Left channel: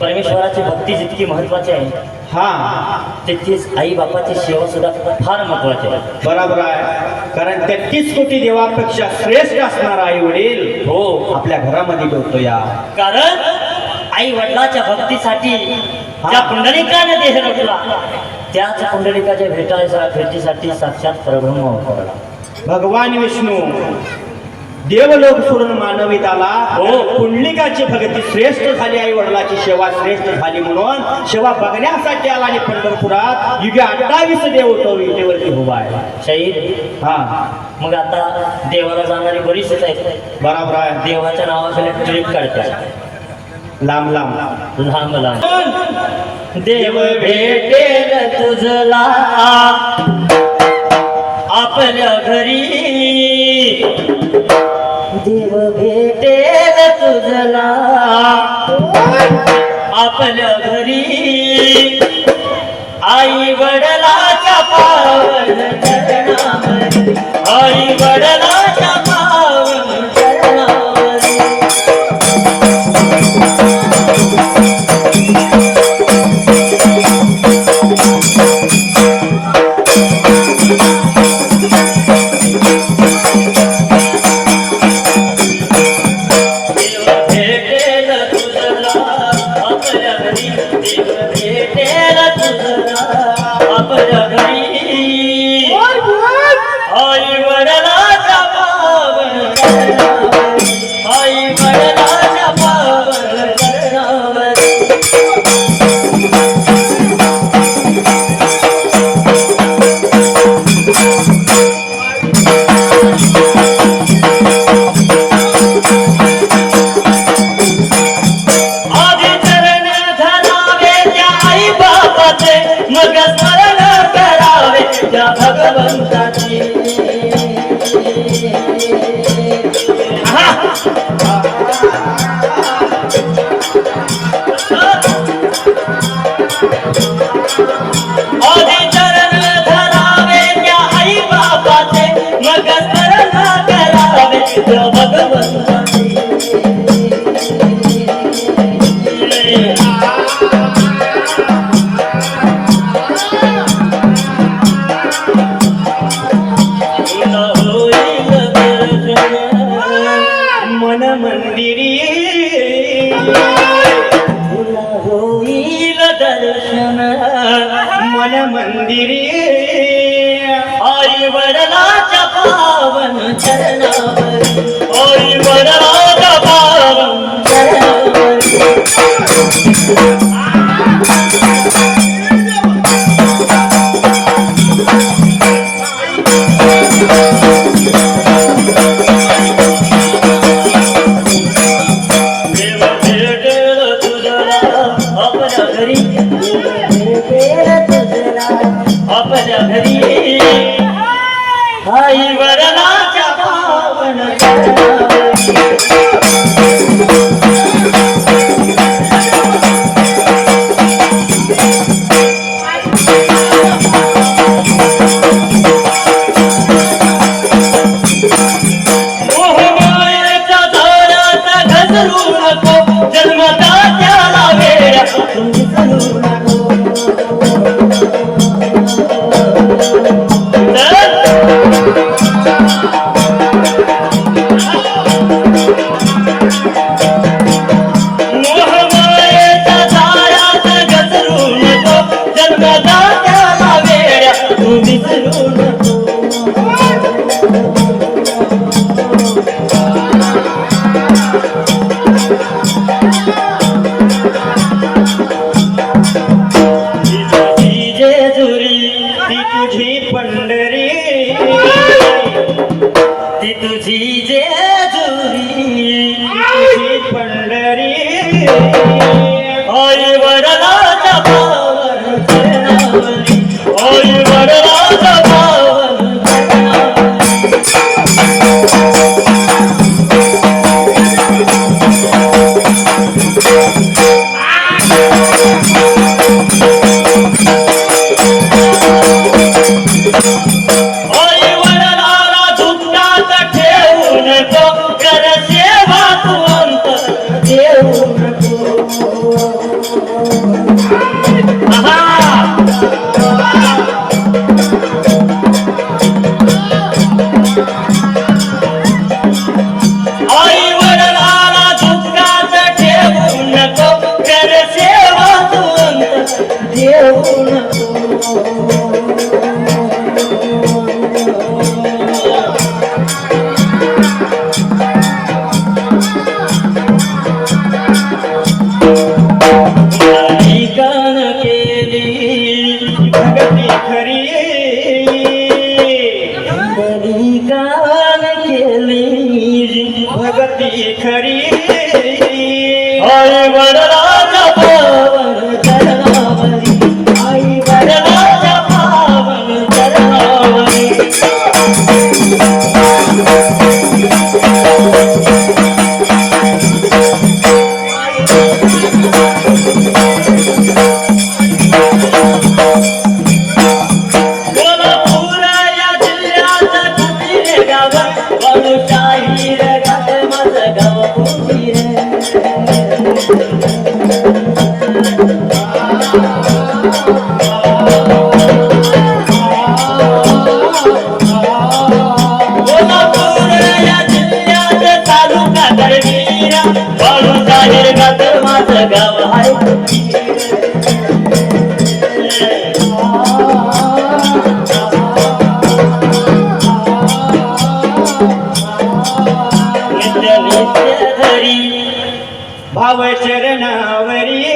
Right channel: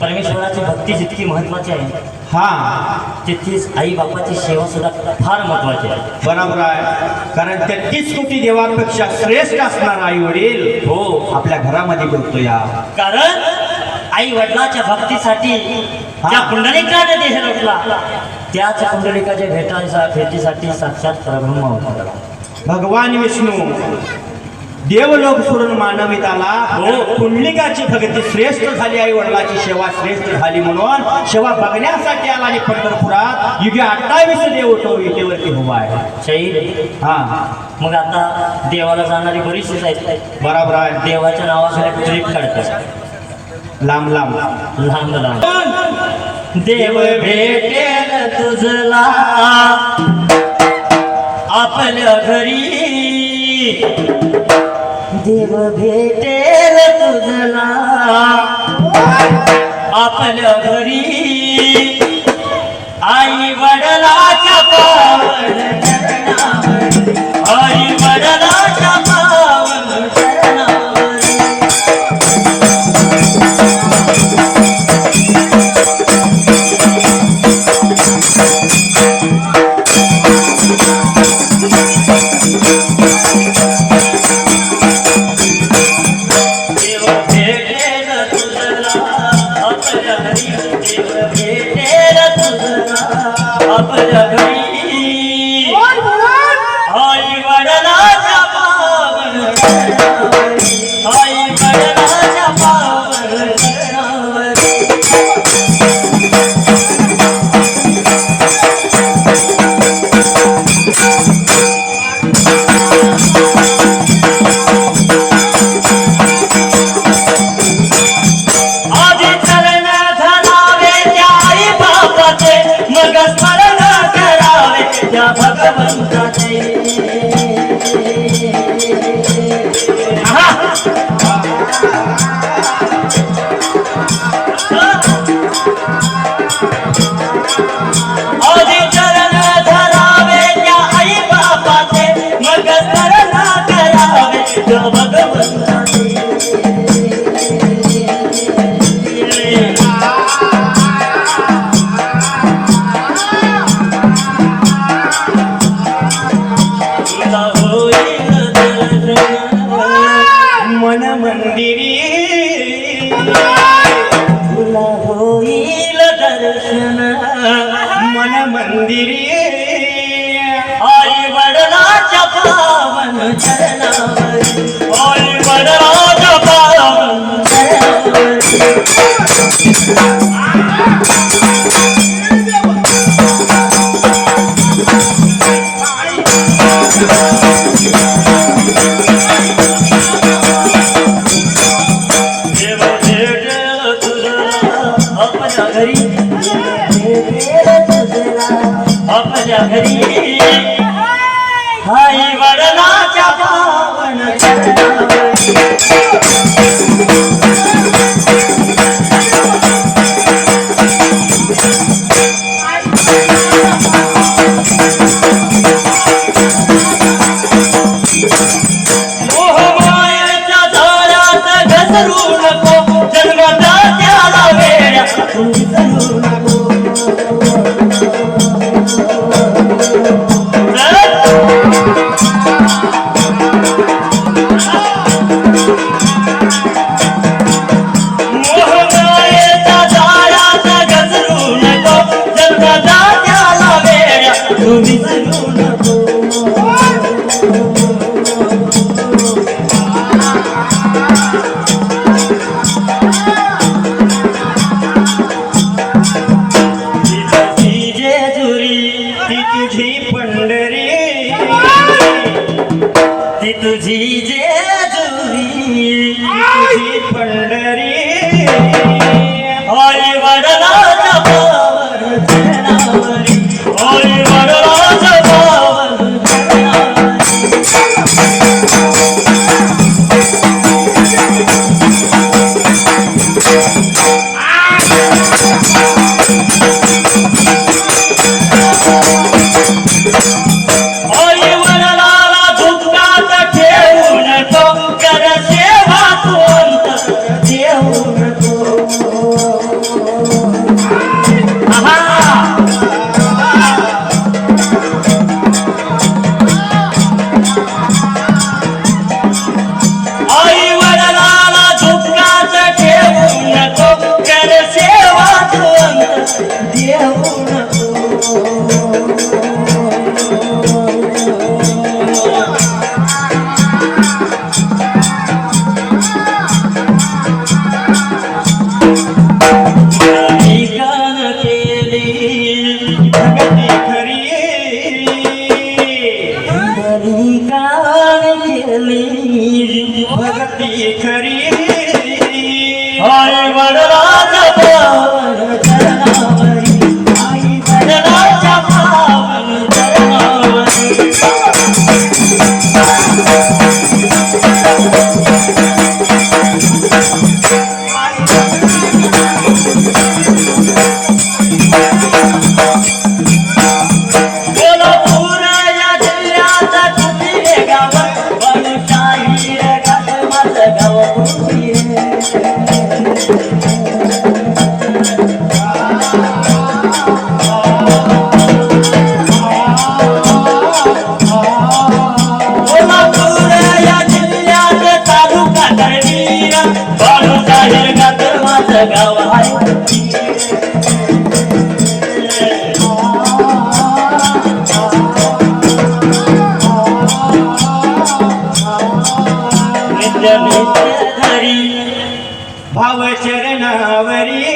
परमेश्वराची भक्ती जितकी महत्वाची आहे हा तितकीच आई बापाची सेवा सुद्धा फार महत्वाची आहे. बरोबर आहे. कारण 33 कोटी देवापेक्षा श्रेष्ठ असणारा आई वडील हो, आपल्या घरामध्ये ठेवतो या. कारण आई वडिलाच्या भक्तीसाठी ज्या पुंडलिकाने देह रचला त्याच पुंडलिकाच्या भेटीसाठी साक्षात परब्रह्म अवतरला. भगवान विष्णू देवलोक सोडून मानवीत आला. हो, पुंडलिकाची भक्ती श्रेष्ठ झाली, आई वडिलाची सेवा श्रेष्ठ झाली म्हणून सेवा बघण्यासाठी आला. आणि पंढरपुरात युगे 28 देव तो विटेवरती उभा आहे. शहीद हा मग आता देवाला जाणारी बरीचशीच आहेत. बरोबर आहे. देवाच्या नावाखाली ट्रीट काढतात लांब लांब लांब लांब. देव भेटेल तुझला आपल्या घरी, देव भेटेल तुझला आपल्या घरी, आई वडिलाच्या पावन चरणावर, आई वडिलाच्या पावन चरणावर. आई वडिलाच्या पावन चरणावर, आई वडिलाच्या पावन चरणावर. देव भेटेल तुझला आपल्या घरी, भेटेल तुझला आपल्या घरी, आई वडिलाच्या पावन चरणावर. मोहमायेच्या जाळ्यात घसरू नको, जन्मदात्याला वेड्यात विसरू नको. मोहमायेच्या जाळ्यात घसरू नको, जन्मदात्याला वेड्यात विसरू नको. ती तुझी जेजुरी, तुझी पंढरी, आई वडिलाच्या पावन चरणावरी, आई वडिलाच्या पावन चरणावरी. परी